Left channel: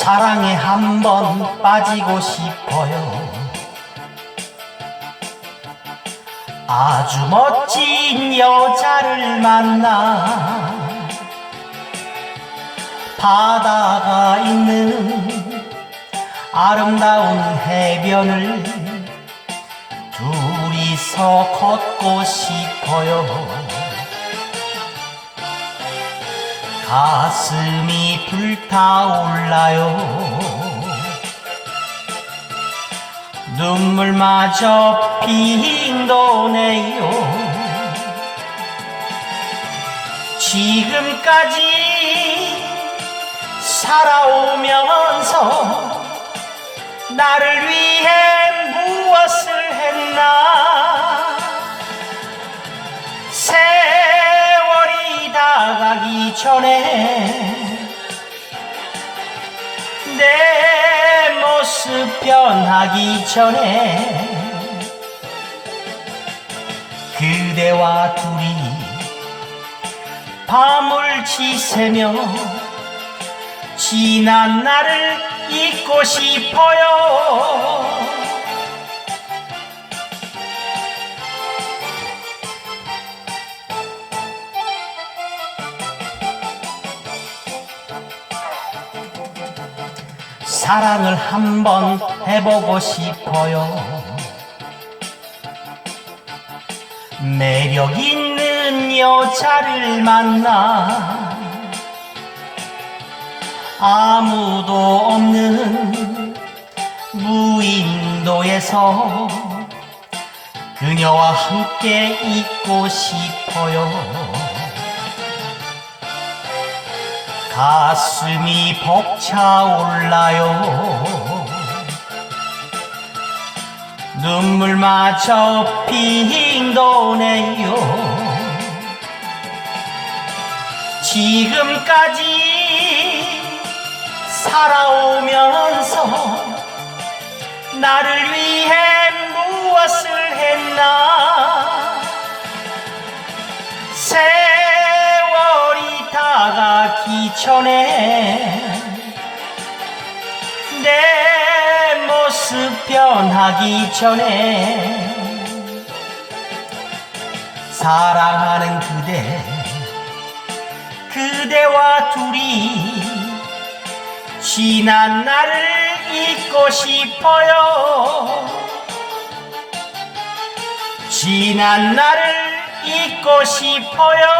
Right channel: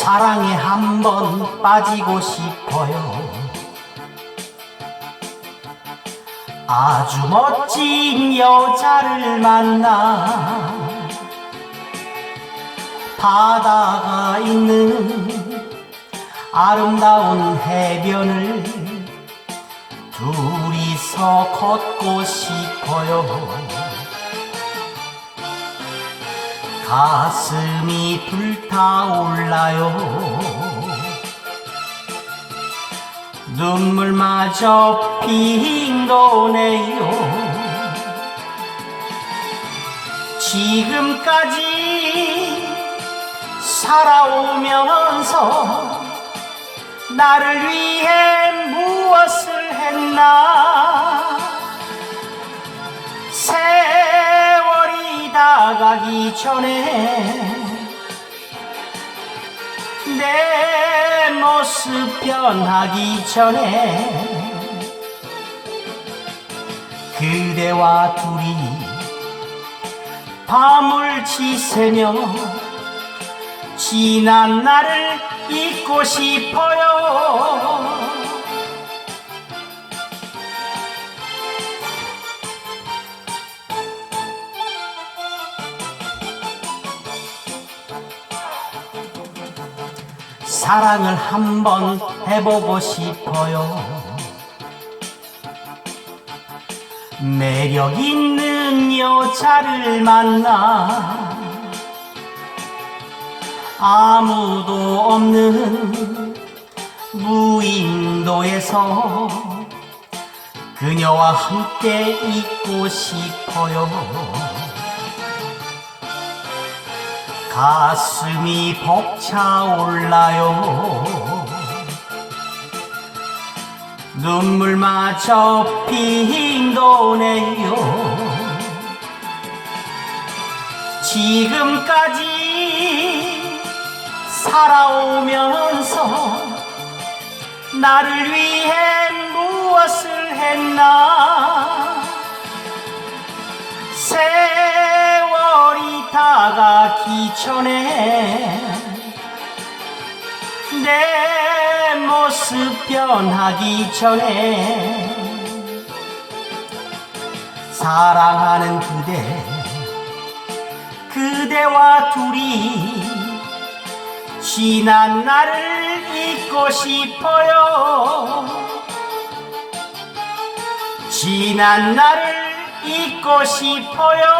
사랑에 한 번 빠지고 싶어요. 아주 멋진 여자를 만나 바다가 있는 아름다운 해변을 둘이서 걷고 싶어요. 가슴이 불타올라요. 눈물마저 핑 도네요. 지금까지 살아오면서 나를 위해 무엇을 했나? 다가기 전에 내 모습 변하기 전에 그대와 둘이 밤을 지새며 지난 날을 잊고 싶어요. 사랑을 한번 해보고 싶어요. 매력 있는 여자를 만나 아무도 없는 무인도에서 그녀와 함께 있고 싶어요. 가슴이 벅차올라요. 눈물 마저 핑 도네요. 지금까지 살아오면서 나를 위해 무엇을 했나? 다가기 전에 내 모습 변하기 전에 사랑하는 그대 그대와 둘이 지난 날을 잊고 싶어요. 지난 날을 잊고 싶어요